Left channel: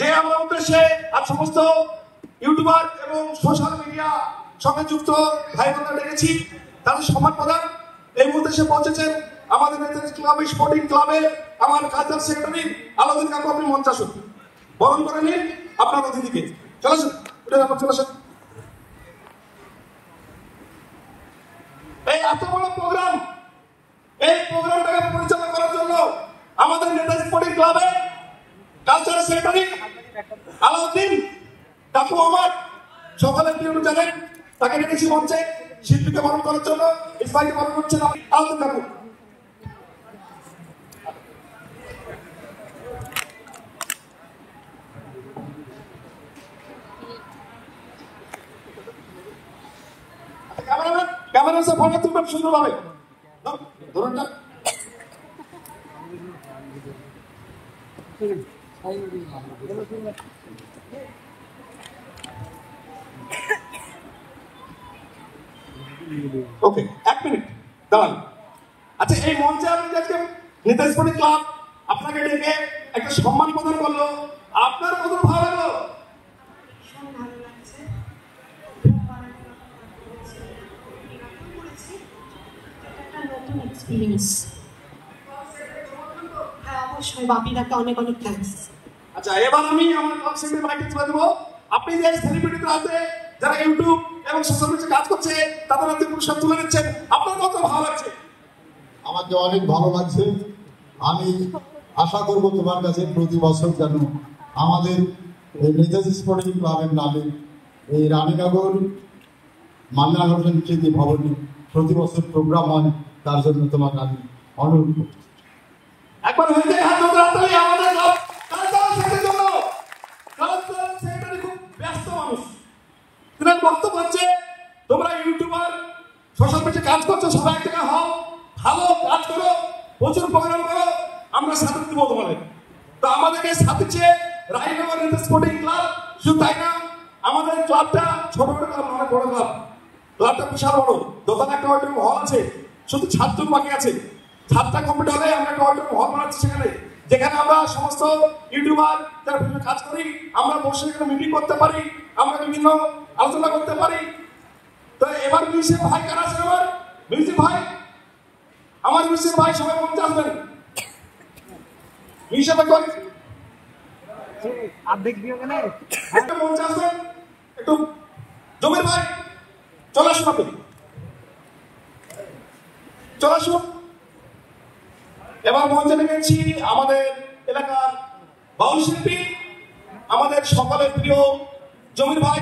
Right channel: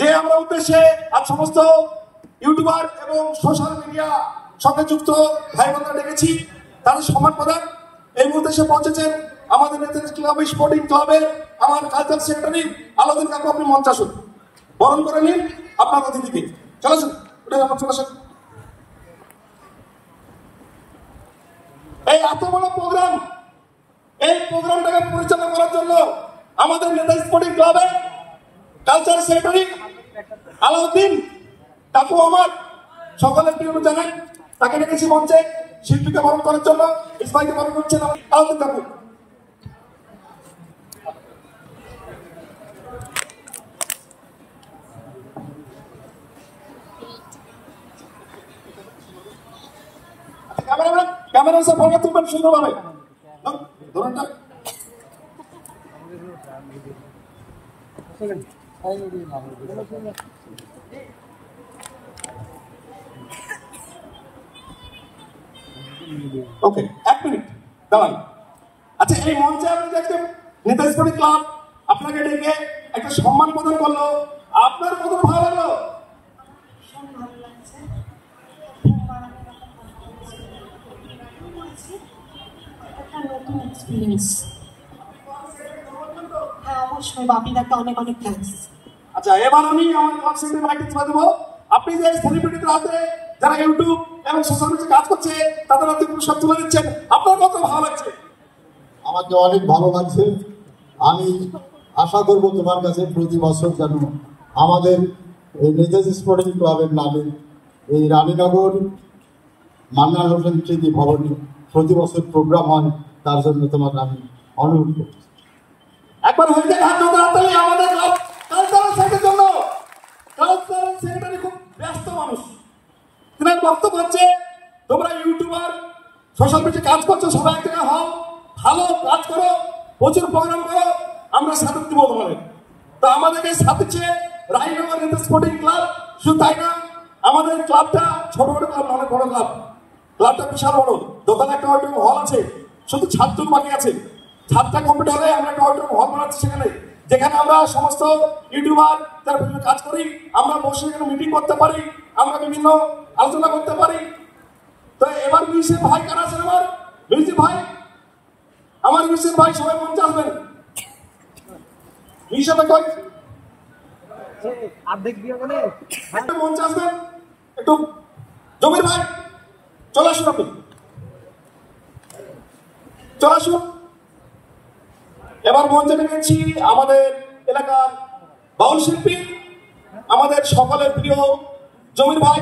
যে আমরা উদ্দেশ্যে আজ সমস্ত ইউটিউবার এবং সোশ্যাল মিডিয়া সঙ্গে যুক্ত ভাই বোনরা ডেকেছি তাদের সম্মান প্রদান এই উদ্দেশ্যে পৌঁছেছেন আমাদের নেতাজি ক্লাব স্পোর্টিং ক্লাবের আমার কালচার সেক্রেটারি আলাউদ্দিন কাকু। আপনি মঞ্চ আসুন, বরণ করে নিন আপনার অতিথিকে। চলেছেন চলেছেন। এই এত বড় প্রোগ্রাম, এই প্রোগ্রামটাকে পরিচালনা করার জন্য আমাদের নেতাজি স্পোর্টিং ক্লাবের কালচার সেক্রেটারি আলাউদ্দিন কাকু আমার সকলের প্রিয় জানেন, তাকে ডেকেছি মঞ্চে শিল্পীকে বরণ করার জন্য। ইসমাইলকে বরণ করছেন আলাউদ্দিন কাকু। ক্যামেরা সে ফটো তুলবেন সুন্দরভাবে। ধরুনটা ওকে, 1 মিনিট দাঁড়ান। আচ্ছা, এই মঞ্চে আমি আজকে নেতাজি স্পোর্টিং ক্লাব আপনাকে ডেকে একটা সম্মান প্রদান করলো, আপনার কত ভালো লাগলো? আচ্ছা, এবার আমি আমার ক্লাব সেক্রেটারি মাইকে তুলে দেবো। আপনি যে সেলিব্রিটিদের হাতে যারা ইউটিউব এবং সোশ্যাল মিডিয়ায় কাজ করছে তাদের হাতে পুরস্কার তুলে দিচ্ছেন, আপনার কত ভালো লাগছে? আমাকে অনেক ভালো লাগছে। আমি আশা করব তোমার কাছে প্রতি বছর যেন আমাদের এই নেতাজি স্পোর্টিং ক্লাবের নামে এই রানীনগর মান্নান হোসেন স্মৃতি ভবনে প্রতি বছর প্রোগ্রাম হয়, তার জন্য তোমাকে আমি অনুরোধ করছি। একবার হৃদয় হাত ধরে আমাদের কালচারাল সেক্রেটারির জন্য। কালচারাল সেক্রেটারি খুব ব্যস্ত মানুষ, তিনার বক্তব্য হচ্ছে তোমরা ইউটিউবার সোশ্যাল মিডিয়ায় কাজ করছো, সবাই এক জায়গায় হও, ভালো কাজ করো, প্রচুর প্রোগ্রাম করো, আমরা সাথে দেবো তোমাদের। তো আমাদেরকে সাথে চেয়ে রানীনগর নেতাজি স্পোর্টিং ক্লাব, শুধু তাই না আমাদের ক্লাবটা ছোট ছোট ক্লাব, অনেক বড় ক্লাব, ক্লাবটা বিশাল বড়, দোকানে একটা অডিটোরিয়াম হল আছে, শুধু ছাদটুকু বাকি আছে। ছাদটা কমপ্লিট হলে আমরা একটা অডিটোরিয়াম হল বানাচ্ছি সেখানে, যেখানে আমরা সমস্ত ইউটিউবার যারা বিভিন্ন কাজ করি আমরা বসে এখানে মিটিং করতে পারি, আমরা বিভিন্ন আলোচনা করতে পারি। তো এবার মিউজিক ভাই কারা আছেন? আমার মিউজিক ভাই, আমার মিউজিক ভাই সবাই মঞ্চে আসবেন। মিউজিক ভাই অর্ধেক দিয়ে গেলে মঞ্চে আসবেন একটু। জমির ভাই চলে আসুন, আপনি চলে আসুন। এবার মঞ্চে ডেকেছি আমাদের এলাকার বাউল শিল্পী, আমাদের সকলের প্রিয় জমির ভাই।